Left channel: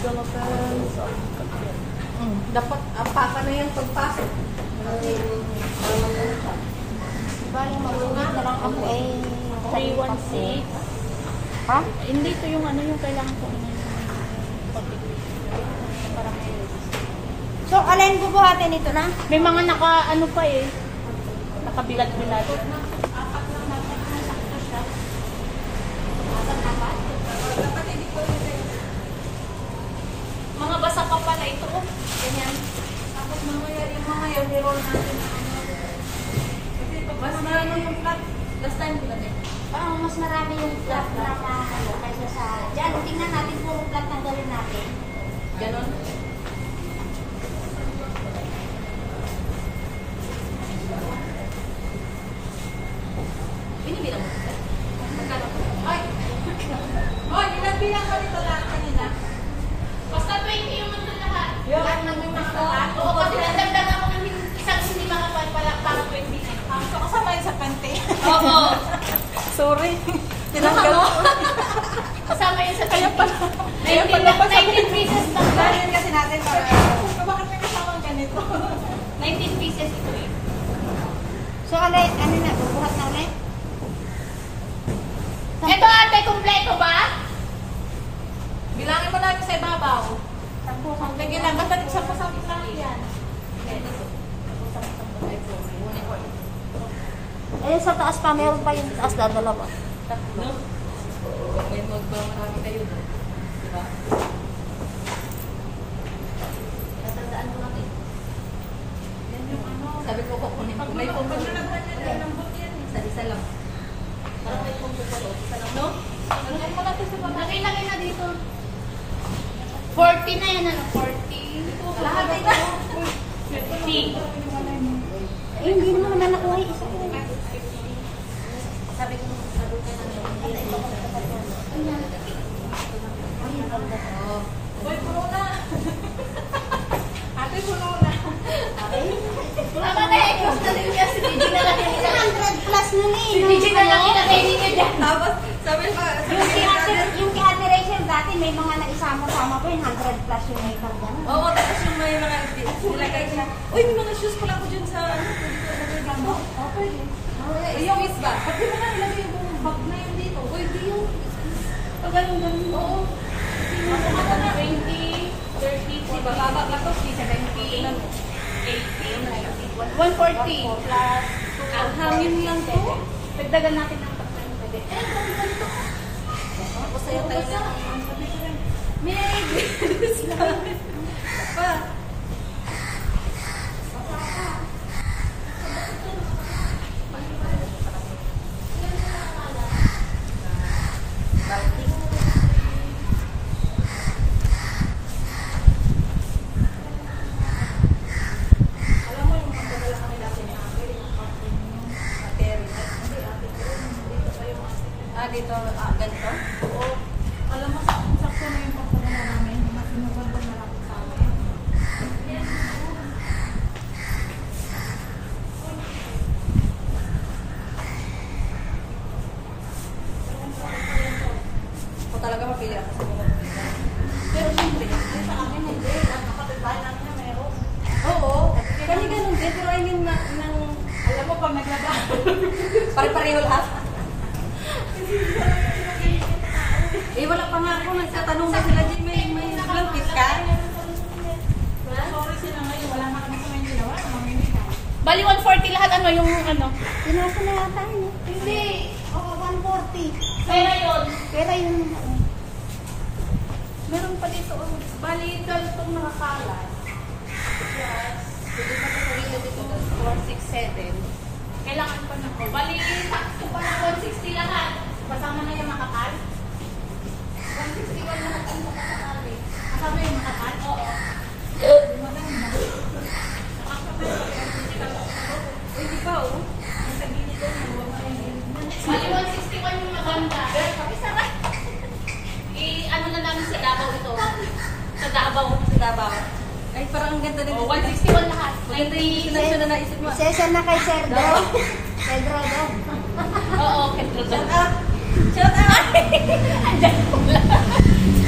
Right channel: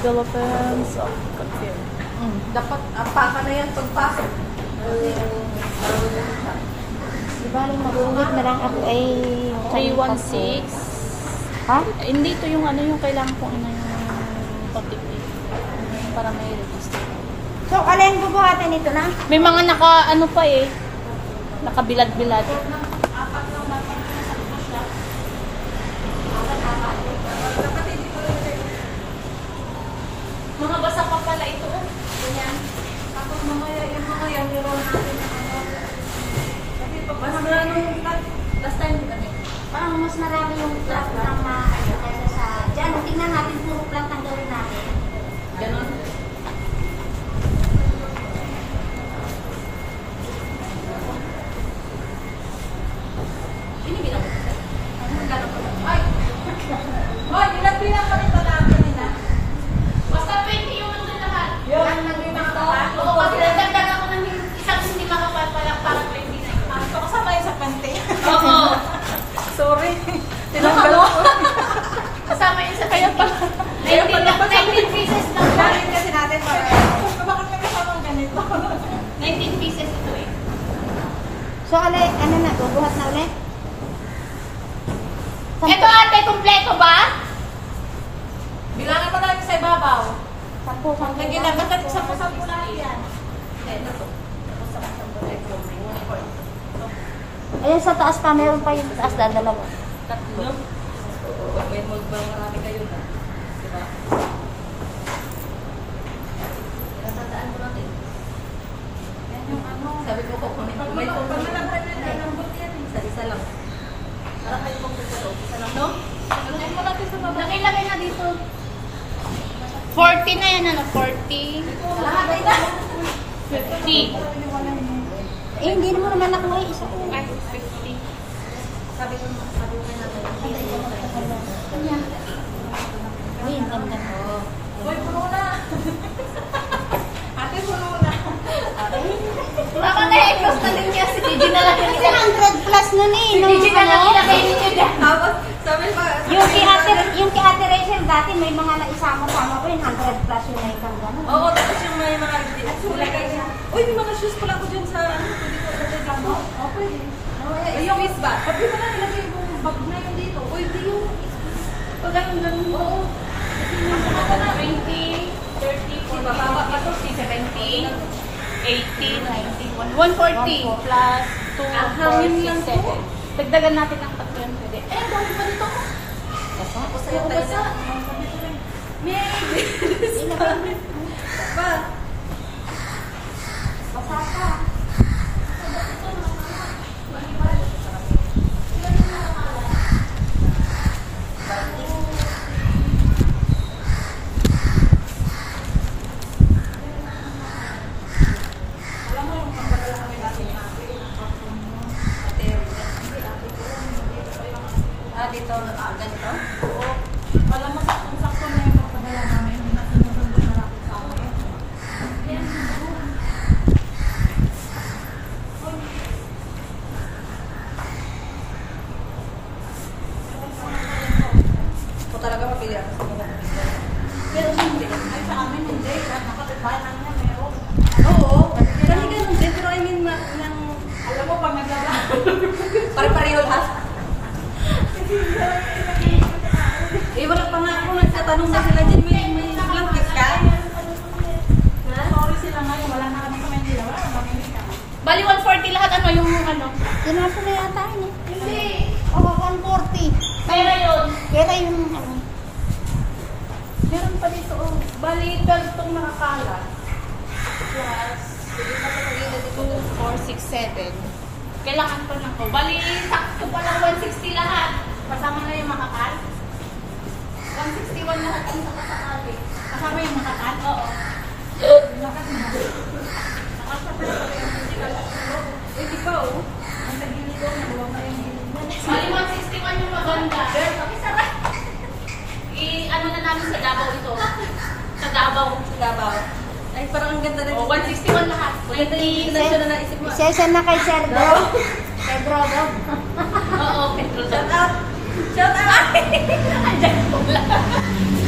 Philippines. Dapat apaka na yan pagpasok. Diba nung mag-uwit na lang ako ay 316. Ha? Hindi to yung ano yung kailangan ko ano yung public para may register. So, alin bubuhatin ito na? May mga naka ano pa eh. Nakabilad-bilad. Apak lang natin yung sakto siya. Mga basa pa pala ito. Ganyan. Tapos mamaya yung mga yan, niro natin na ano. Kasi mas marami yung cut. Last time di ba din? Parang mas marami yung plant na ano kaysa sa... Diyan, tingnan natin puro plant ang gawin natin. Ganon. Binibilang mo kasi? Magkano pa? Ay! Hoy, ilang bilang pa nito lahat kanina? Basta 20 yung nandun lahat. Yung naging ito? Oo, kasi nagdagdag ako ng isang hindi makapalpalak para 20 na yun. So, kasama yun sa pante? Oo. Sorry. Tinaka mo? Kasama yun sa 20. 19 pieces lang. Galing kasi natin para... Bakit may kasamang ganito? 19 pieces ito eh. So, alay, ano na, bubuhat na ulit? Ito ate, kompleto ba? Bilangin mo namin sa ibabaw. 10. Lagyan na, basta sampu-sampu na yan. Ito to. Ayun sa taas pa, meron pa yung taas na dalawa. No? May magmamarami kayo na. Diba? Natandaan mo natin. Yan yung ano. Sabi ko kukunin ko. May pong isa lang. Parang may pong sa loob. Isa lang, no? Lagyan mo natin sa baba. Lagay na dito. 40 na yan, ano? 40. Lahat ay na. 50. Eh, hindi naman na nakuha yung isa. Sabi ko kay nanay, hindi na yun. Oh. Boy, puno na. Ate, puno na. Ako na i-close na din niya. Si Gigi na lang yung 100 plus na ni. Si Gigi na lang ilagay ninyo dyan. Tapos, sabi pa, Yung kay Ate Rachel dati may mga naisama-sama pa yung 100 plus yung naikang gano'n. oo, tapos yung may mga nilagay siya. Uy, may mga shoes pala ako dyan sa ano. Pwede ko ilagay dito. Oo, pwede. Yung miss ba? Pati mo na ilagay yung bag na yun dito. Uy, di yung... Pag ganun. Oo. Kasi 20, 30, 40, bababa pa to, 70, 80, 140 plus 2. Ang hangin lang to. Dagdagan natin ng tatlo yung pwede. Eh, dami pa dito. Tapos sa'yo tayo na. May bilis pa. Dito, ganito? Oo. Alam mo, sakto na yung pagpadala namin. Nagandang malapit sa amin. Ako talaga mapili ako. Pero siyempre, ay sa amin hindi. Nakapitbahay namin na mayroon. Oo. Kami ganun din. Pero I mean, alam mo pag naglaba. Pare-pareho lahat. Eh, wala pa nga ako. Nagtatanong ba sila dyan? May langkit ka? Sorry sila ngayon. Wala na kami sa Manila. Wala na kami na. Bali 140 lahat ano yung ano? Kinasa na yata yun eh. Hindi. O, 140. Kaya yun. Kaya yung... Meron pa dito. Oh. Bali 12 itong nakakala. Plus, pwede pa sa pagilid dito 4, 6, 7. Kailangan pa na ko. Bali, sakto pala 160 lahat. Kasama na yung makakal. 161 lahat ang nakakali. Kasama yung makakal? Oo. Nakasya pa yung Eh, di ba oh? Nasa gilid ko. Naluwa mo yung gilid mo. Bali 161 yung maganda. Pakisarap. Ano na namin sa Davao ito. Sa Davao. Sa Davao. Ay, parang ang ganda na Oh, 161 lahat. Maganda yung destination na naisip mo. Session na kay Sir Dro. Pedro daw. Oo, Pedro. Shout out! Shout out!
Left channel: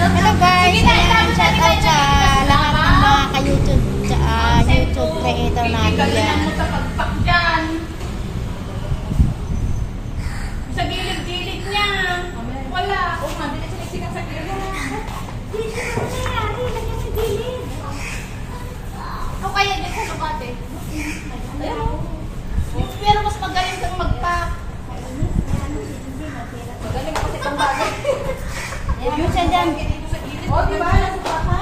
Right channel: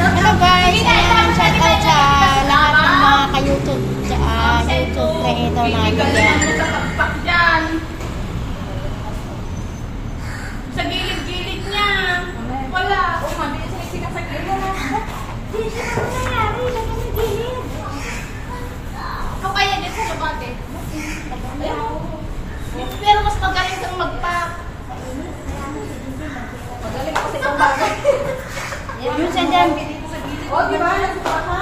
Hello guys. Ayan, shout out sa lahat ng mga ka-YouTube, YouTube creator natin Bibigyan yan. mo sa pagpak dyan. Sa gilid-gilid niya. Wala. Oh, mabilis sila sinasagay. Dito ko nangyari, lagyan sa gilid. O kaya din sa baba din. Pero mas magaling kang mag-pack. Magaling kasi pang bagay. Yun siya dyan. Oh, di ba? Nasa baka?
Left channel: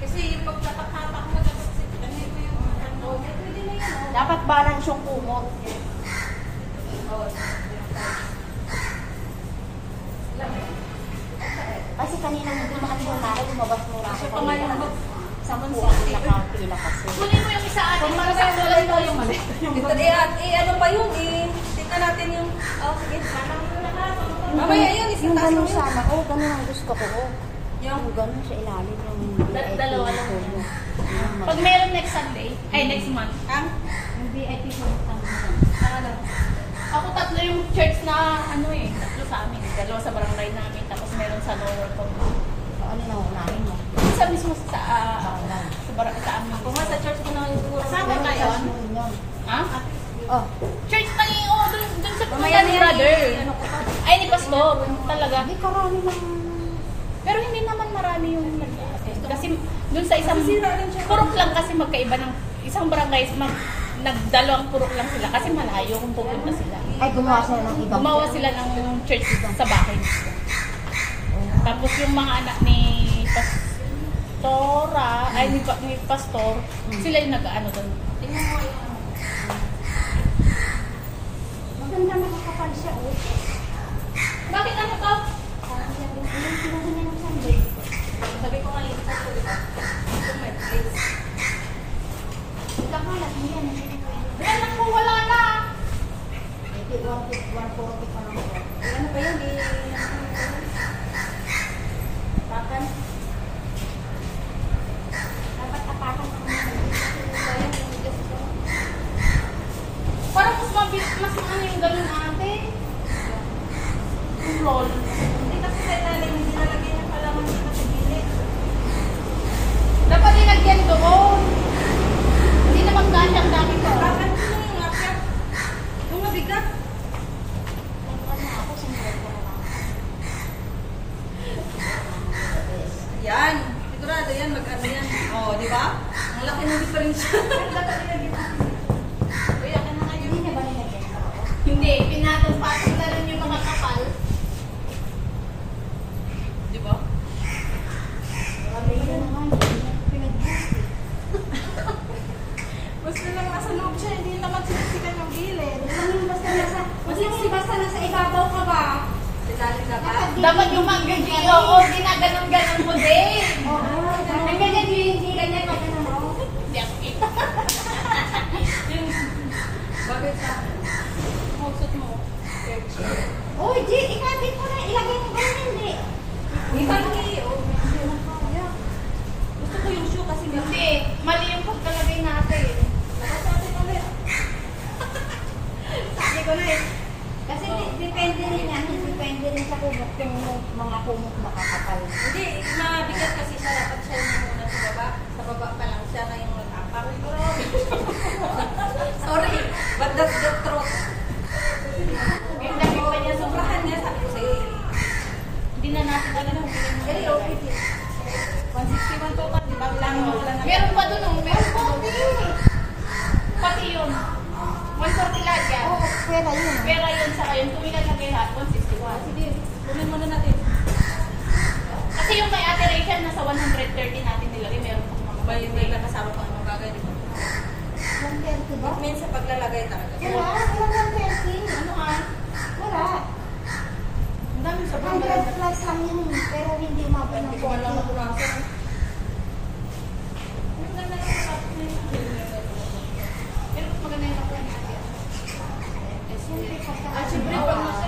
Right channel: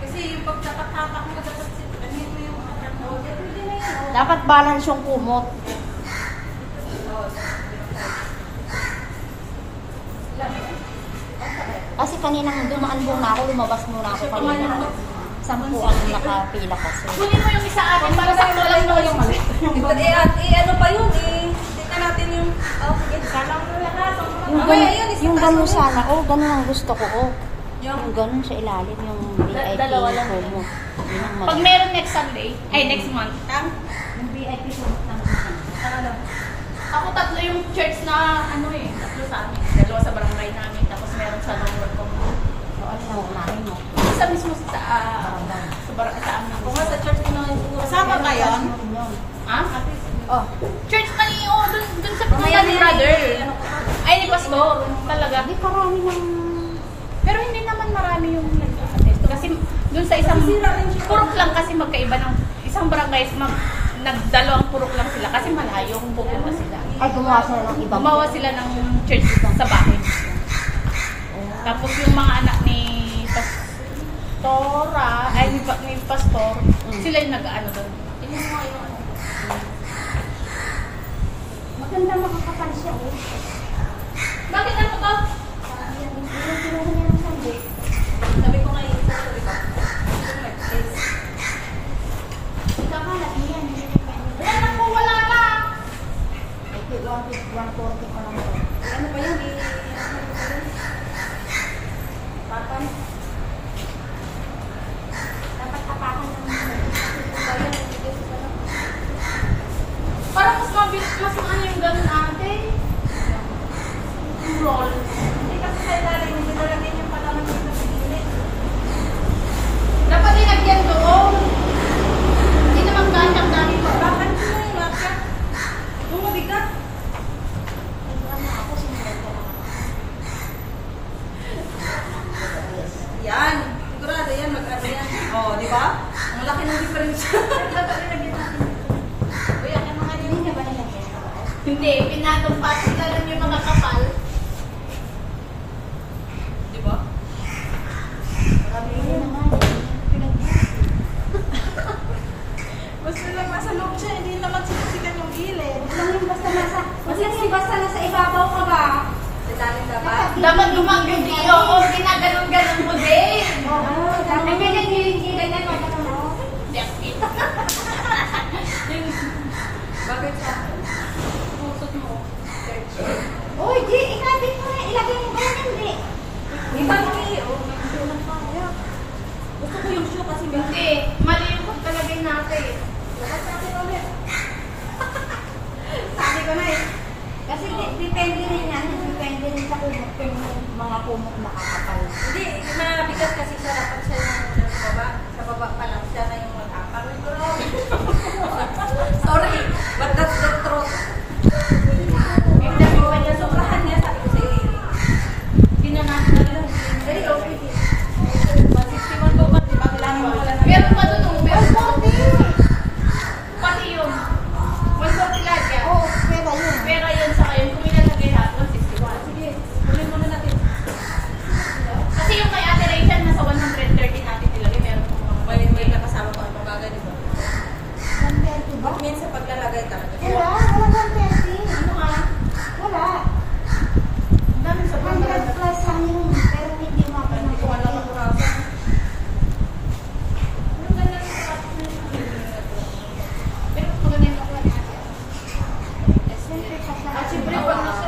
Kasi yung pagtapak-tapak mo, dapat ganito yung pwede na yan. Oh. Dapat balance yung kumot. Kasi kanina nung dumaan muna ako, lumabas muna ako. Sa mga nakapila kasi. Kunin mo yung isa atin para sa kulang mo yung mali. Ano pa yun eh. Tingnan natin yung... Oh, sige. Sana mo na lahat. Mamaya yun, isa Yung taas ganun mo yun. sana. Oh, ganun ang gusto ko. Oh. Yung... Yung ganun sa ilalim, yung VIP. Dalawa lang. Yung Pag meron next Sunday, ay next month. yung VIP sulit ang Ano? Ako tatlo yung church na ano eh, tatlo sa amin. Dalawa sa barangay namin, tapos meron sa lower commune. So, ano yung unahin mo? Isa mismo sa sa amin. Kung nga sa church ko na yung siguro. Kasama kayo? Ano rin yun? Ha? Oh, Church na ni, dun sa Mamaya pumunta ni na brother. yan eh. Ano ko pa? Ay, ni Pastor. Talaga. hindi karami ng... Pero hindi naman marami yung nag-attend. Kasi dun sa isang purok lang kasi magkaiba ng isang barangay, nagdalawang purok lang sila kasi malayo kung pupunta sila. Ay, gumawa sila ng ibang... Gumawa sila ng church sa bahay mismo. Tapos yung mga anak ni Pastora, ay ni Pastor, sila yung nag-ano doon. Tingnan mo yung ano. Maganda makakapal siya, oh. Bakit ano to? Parang yan, yung kinuha niya ng Sunday. Sabi ko nga yung isa ko, di ba? Ito may place. Kakalat mo yan, hindi pa yan. Yan ako, wala na. Ay, 140 pa lang to. Ano pa yan? Tapan. Dapat tapakan ng mga. Parang mas mabilis, mas ano yung ganun ate. Yung roll. Hindi kasi sa ilalim, hindi nalagyan yung pala ng gilid. Dapat dinagyan doon. Hindi naman gantang dami pa. Bakit mo yung lapya? Yung mabigat. Ako, sumulat ko na ako. Yan. Sigurado yan, mag-ano yan. Oh, di ba? Ang laki ng difference. Uy, akin mga yun. Hindi na ba nilagyan ka ba? Hindi, pinatong-patong na lang yung mga kapal. Di ba? Marami na naman. Basta lang nasa loob siya, hindi naman sinisikan yung gilid. Huwag lang yung basta nasa ibabaw ka ba? Ilalim dapat. Dapat lumang-yung dito. O, ginaganon-ganon mo din. Ay, ganyan, ganyan, ganyan, oh. Yung Bakit sa pusot mo. Uy, G, ikabit mo na. Ilagay mo ba yan, hindi? Di ba oh? Gusto ko yung shoe kasi Hindi, mali yung pagkalagay natin. lahat sa atin ulit. Sabi ko na eh. Kasi depende rin yan. Depende rin sa kumot kung mga kumot nakakapal. Hindi, mabigat kasi siya. Dapat siya yung nasa baba. Sa baba pa lang siya na yung mag-apang. Sorry, but that's the truth. Sobrahan niya, sabi ko sa'yo eh. Hindi na natin alam. Very okay din. 161 to pa, di ba? Bilangin mo lang. Meron pa doon, oh. Meron pa. Pati yun. 140 lahat yan. Oo, pera yun. Pera yun sa kayo. Kung ilalagay lahat, 161. Sige, kunin muna natin. Kasi yung kay Ate Rachel, nasa 130 natin nilagay. Meron pa mga May nakasama pa ang mga bagay, di ba? 130 ba? It means sa paglalagay talaga. Wala, walang 130. Ano nga? Wala. Ang dami sa 100 plus lang yun. Pero hindi umabot ng Hindi ko alam 40. ang kurasa. Pero maganda yung kaplan natin. Siyempre, pagka... At syempre, pag nasa...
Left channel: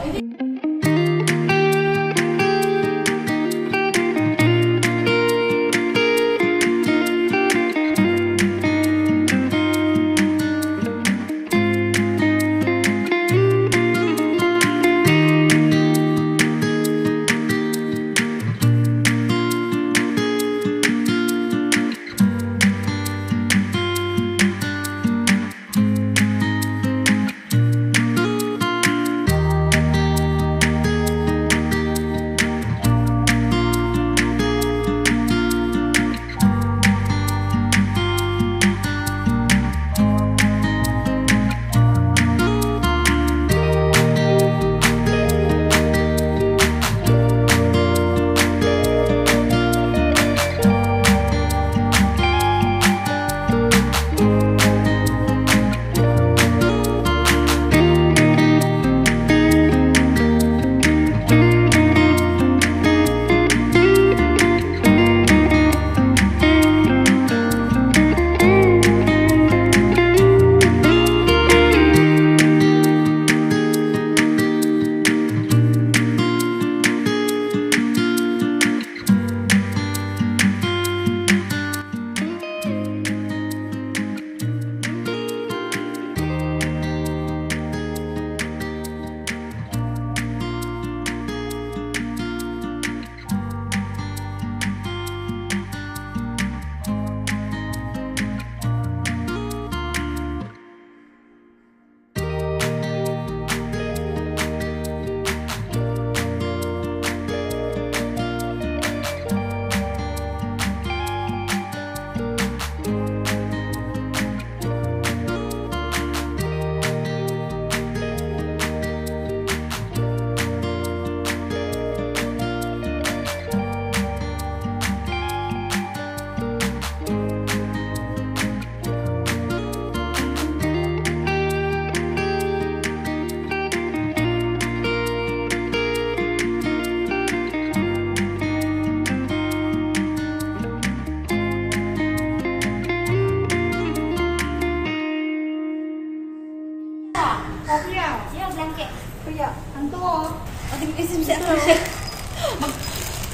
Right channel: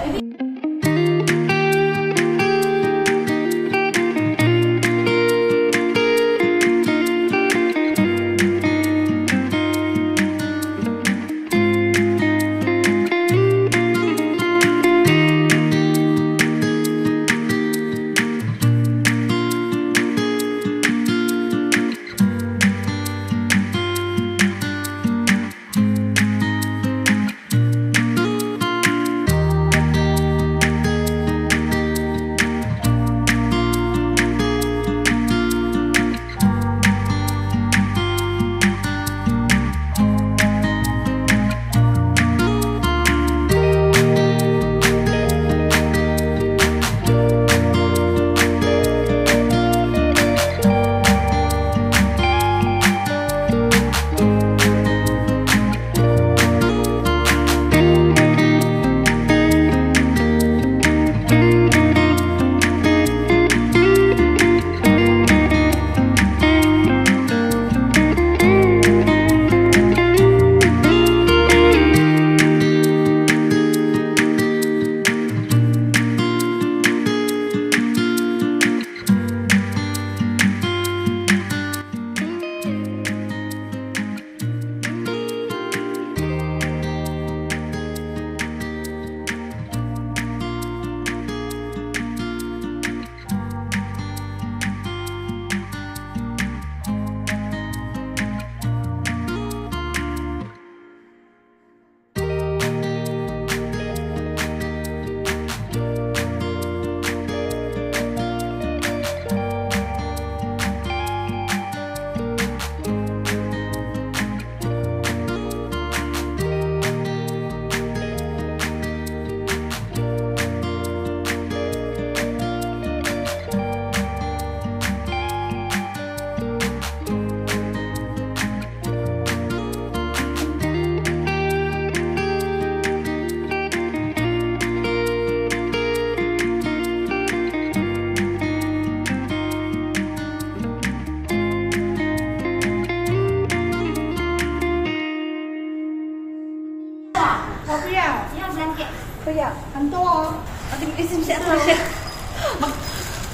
Kuya, kanto oh. Ate, isim siya ako siya.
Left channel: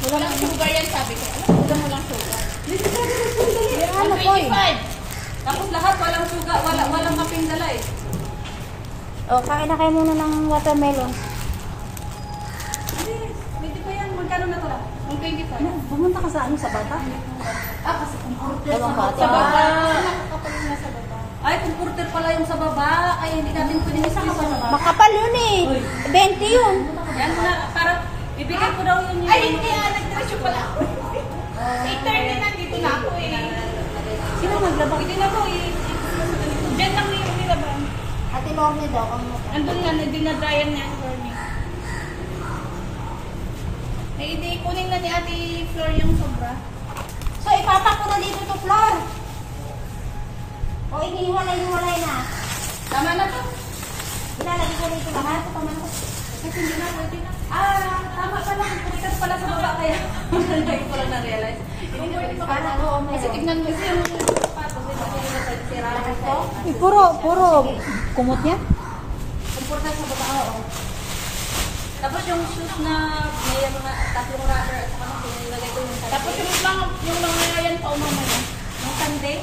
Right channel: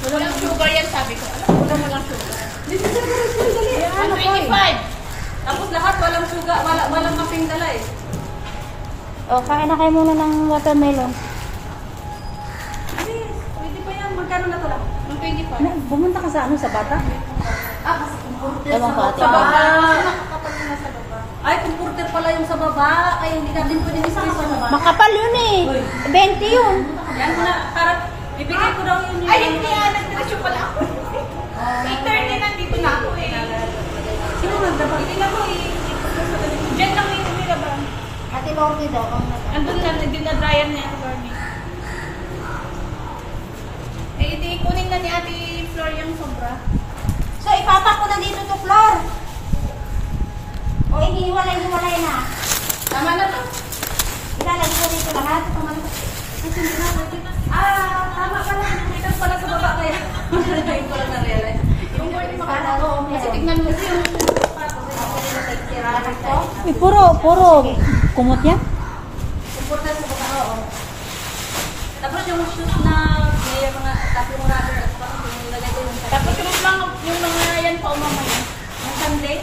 Walang sugar yan, sabi ko. Alam mo, walang sugar. Dito siya, dali. 125. Tapos lahat walang suga, walang masing dala eh. O, kain na kayo muna ng watermelon. Please, pwede pa yan. Magkano na to lang? 125. Ano, bumunta ka sa ano, sa bata? Kasi kumporter Ewan ko, sa baba. ate. Nakakapal yun nasa baba. Ay, kumporter pala yung sa baba. Ay, hindi natin pwede isama sa baba. Makapal yun eh. 20 yun. Yan mo na, para ibigay ko daw yung... Ay, hindi. Nag-dress pala ako. 8:30 nandito na ako eh. Sino naglaba? Hindi na ko eh. Diyan lang yung nilabang. Ate Lorne daw ang mata. Andun na, nag-dinabryan ni Ate Lorne. Eh, hindi, kunin na ni Ate Flor yung sobra. So, ipatak ko na dito to floor. O, inihiwalay-hiwalay na. Tama na to. Ilalagay ko dito lahat. Kasi hindi na natin. Tama pala. Kumporter pala sa baba kaya. Hindi ko lang na-realize. Yung board mo Para ka. oo, Kasi meron. tignan mo yung Lahat ko? Puro kumot niya? Kumporter sa baba, oo. Tapos yung shoes na may mga tatlong rubber at saka nung nilagay ko yung tapos yung mga yan pa umamaya. yung Sunday.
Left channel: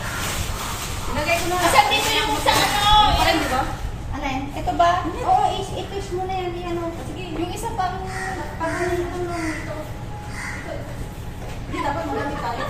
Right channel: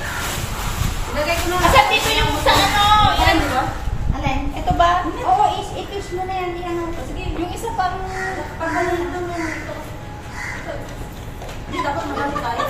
Nilagay ko na. Kasi dito yung sa ano, yan. Di ba? Alin? Ito ba? Oo, i-twist mo na yan. Di ano. Sige, Yung isa pang pag ganun ito. Dapat maganda tayo.